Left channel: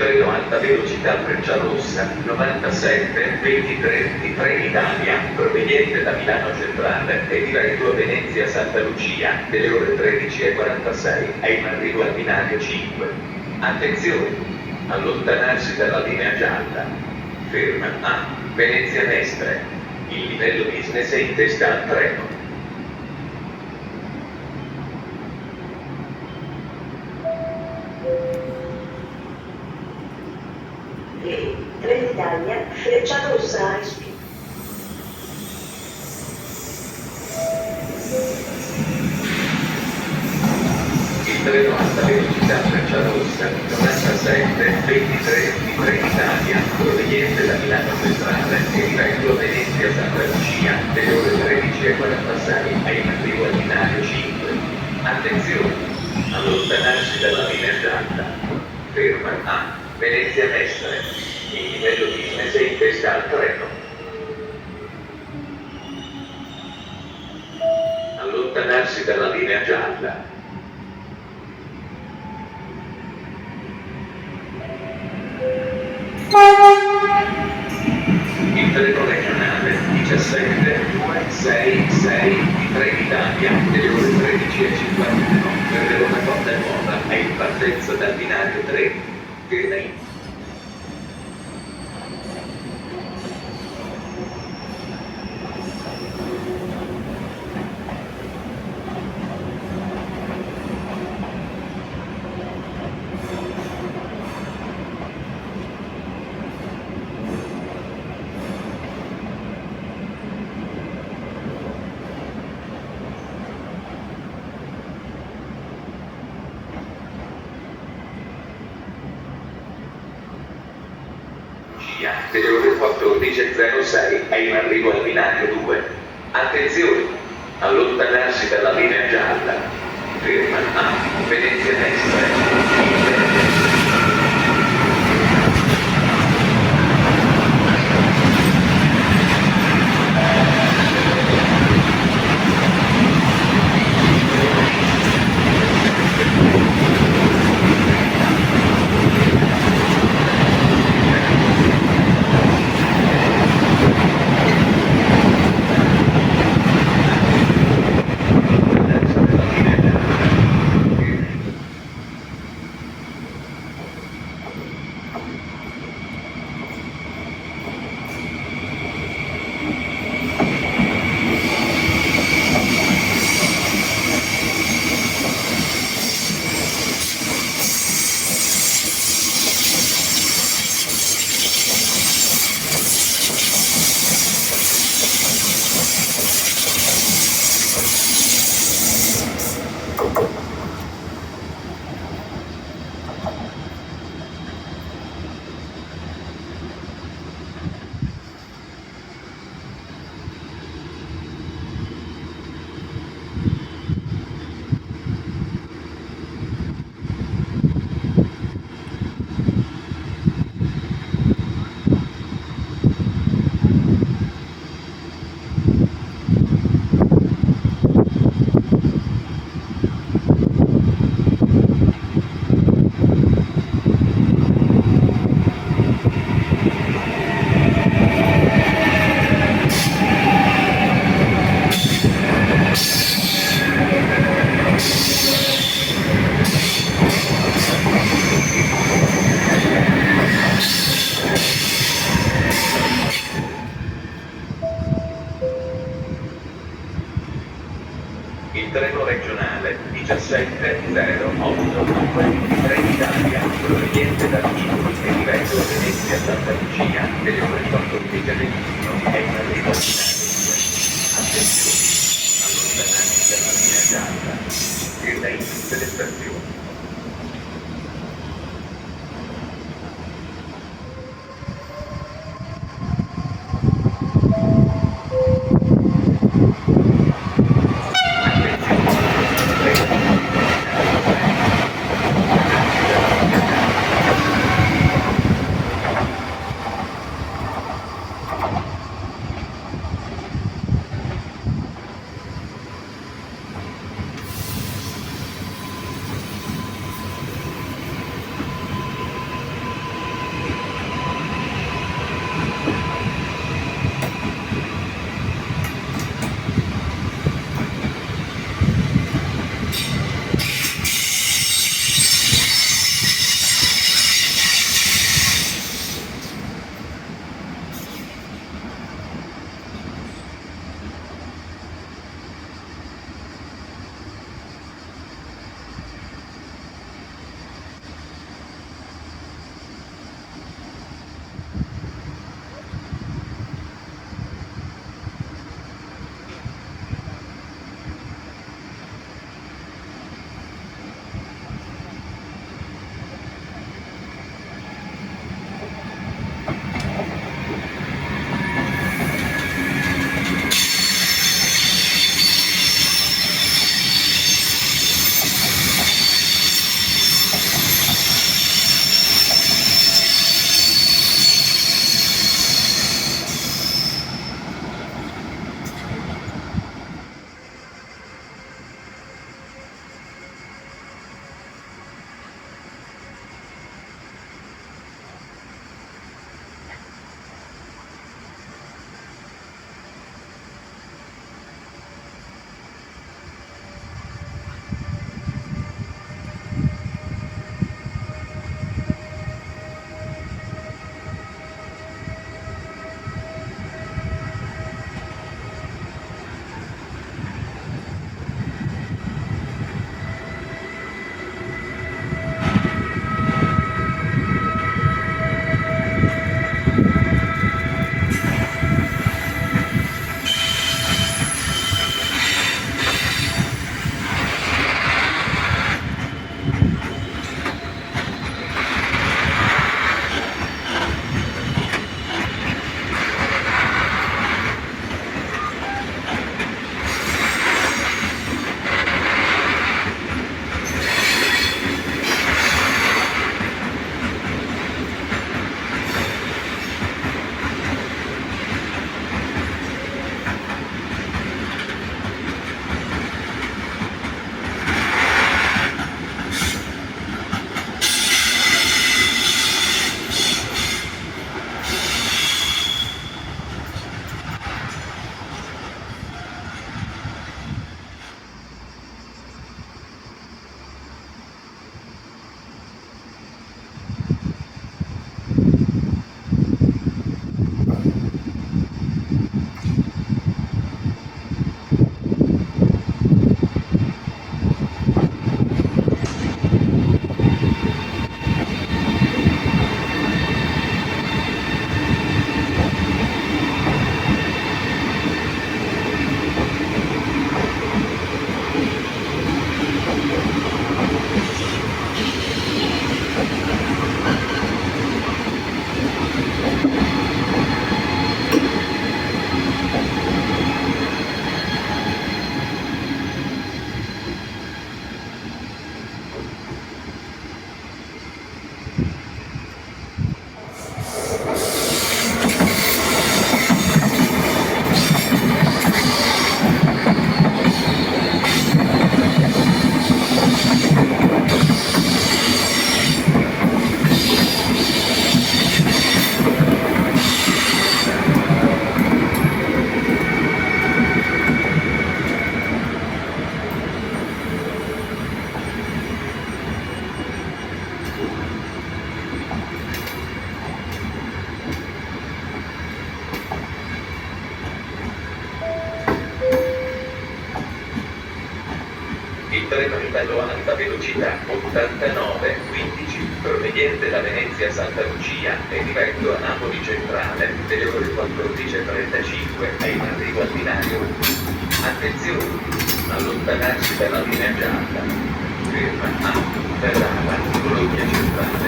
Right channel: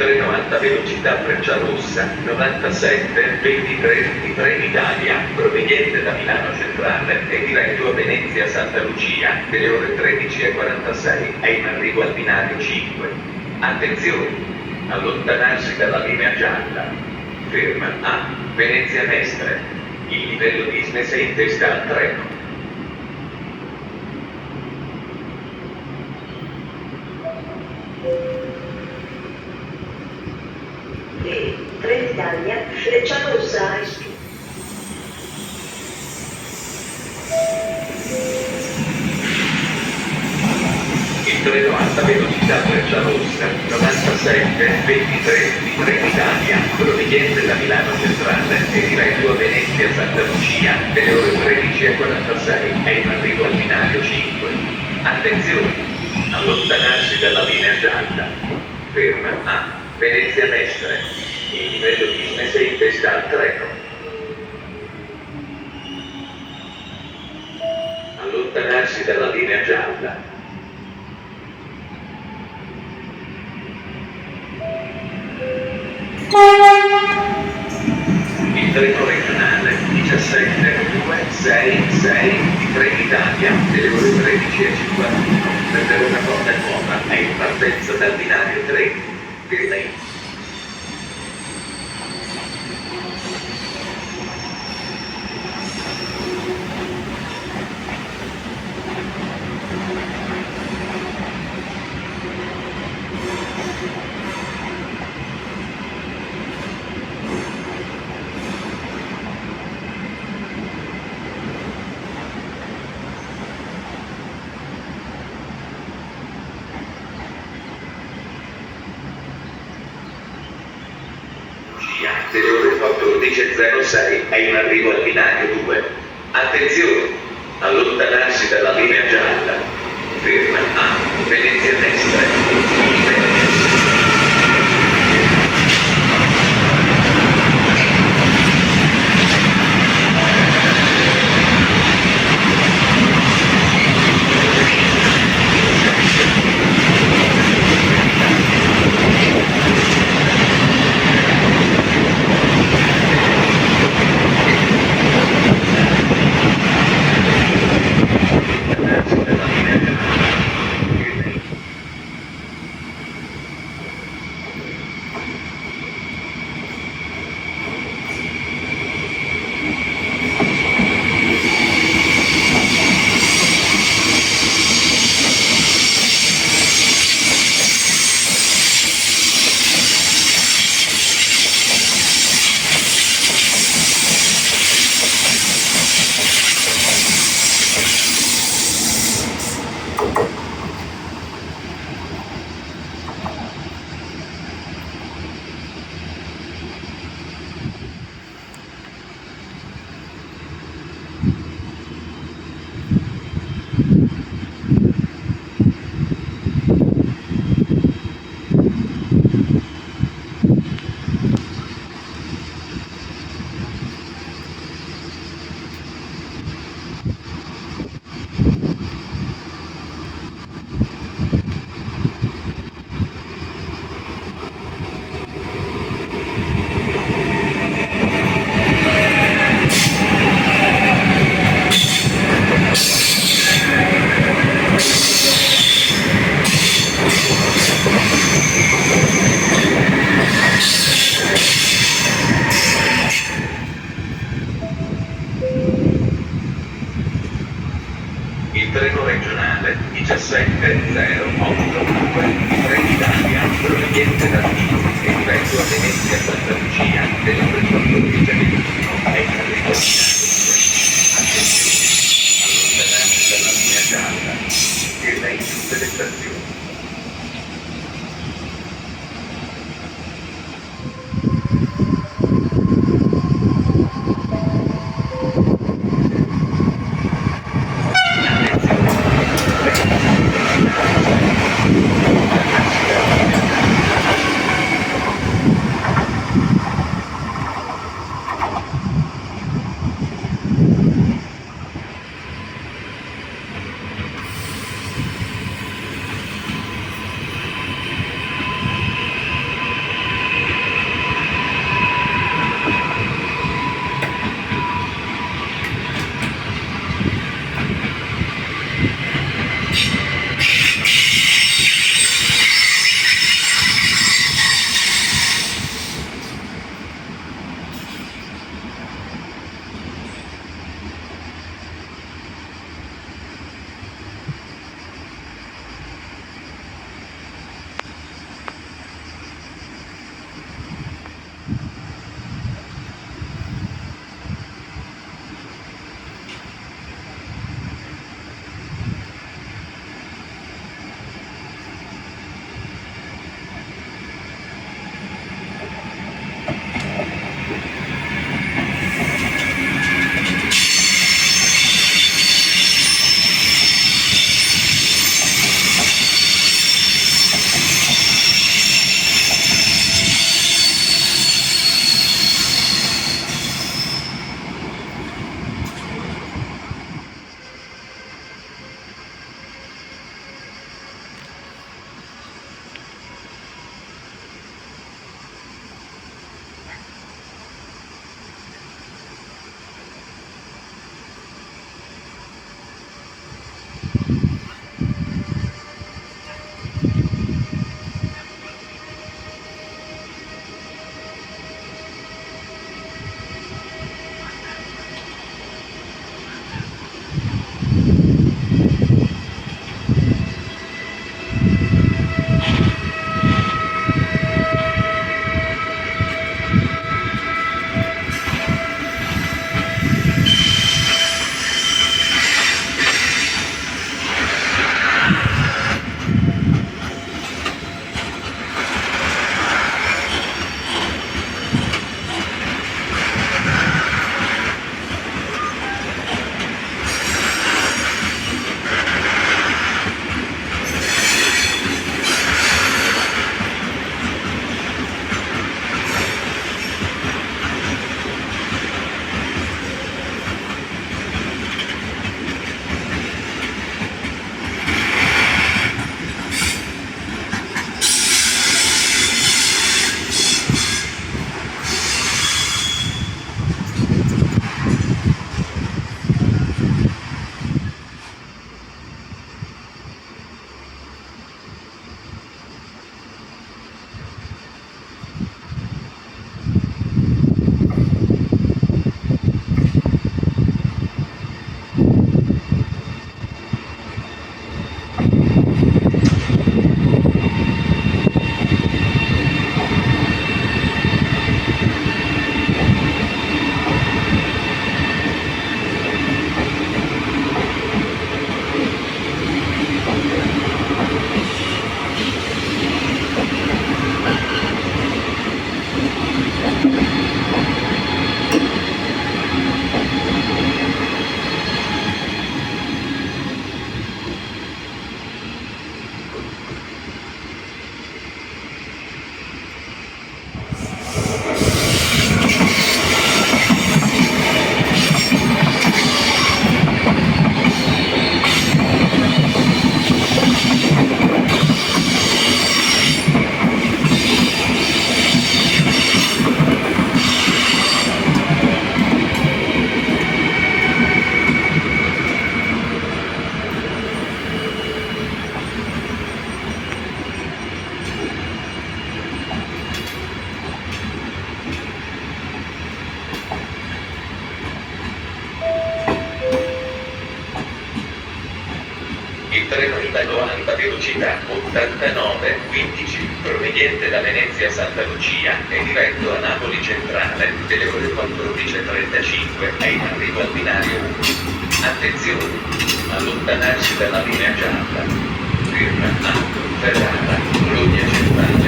treno alta velocità Frecciarossa 97-23 di Trenitalia, proveniente da Milano Centrale e diretto a Venezia Santa Lucia, delle ore 13:46, è in arrivo al binario 5. Attenzione! Allontanarsi dalla linea gialla. Ferma A. Venezia Mestre. Il livello business è in testa al treno. Trenitalia, Frecciarossa High Speed. Il treno alta velocità Frecciarossa 97-23 di Trenitalia, proveniente da Milano Centrale e diretto a Venezia Santa Lucia, delle ore 13:46, è in arrivo al binario 5. Attenzione! Allontanarsi dalla linea gialla. Ferma A. Venezia Mestre. Il livello business è in testa al treno. Allontanarsi dalla linea gialla. Il treno regionale 17266 di Trenitalia, delle ore 13:51, per Verona Porta Nuova è in partenza dal binario 3. Ferma. Delle ore 14:06 è in arrivo al binario 2. Attenzione! Allontanarsi dalla linea gialla. Ferma A. Venezia Mestre. Il treno regionale 1708 di Trenitalia, proveniente da Rimini e diretto a Venezia Santa Lucia, delle ore 14:21, è in arrivo al binario 2. Attenzione! Allontanarsi dalla linea gialla. Ferma in tutte le stazioni. treno italo a alta velocità 89-15, proveniente da Venezia Santa Lucia e diretto a Napoli Centrale, delle ore 14.35, è in arrivo al binario 1. Attenzione! Allontanarsi dalla linea gialla. Ferma a Ferrara, Bologna Centrale.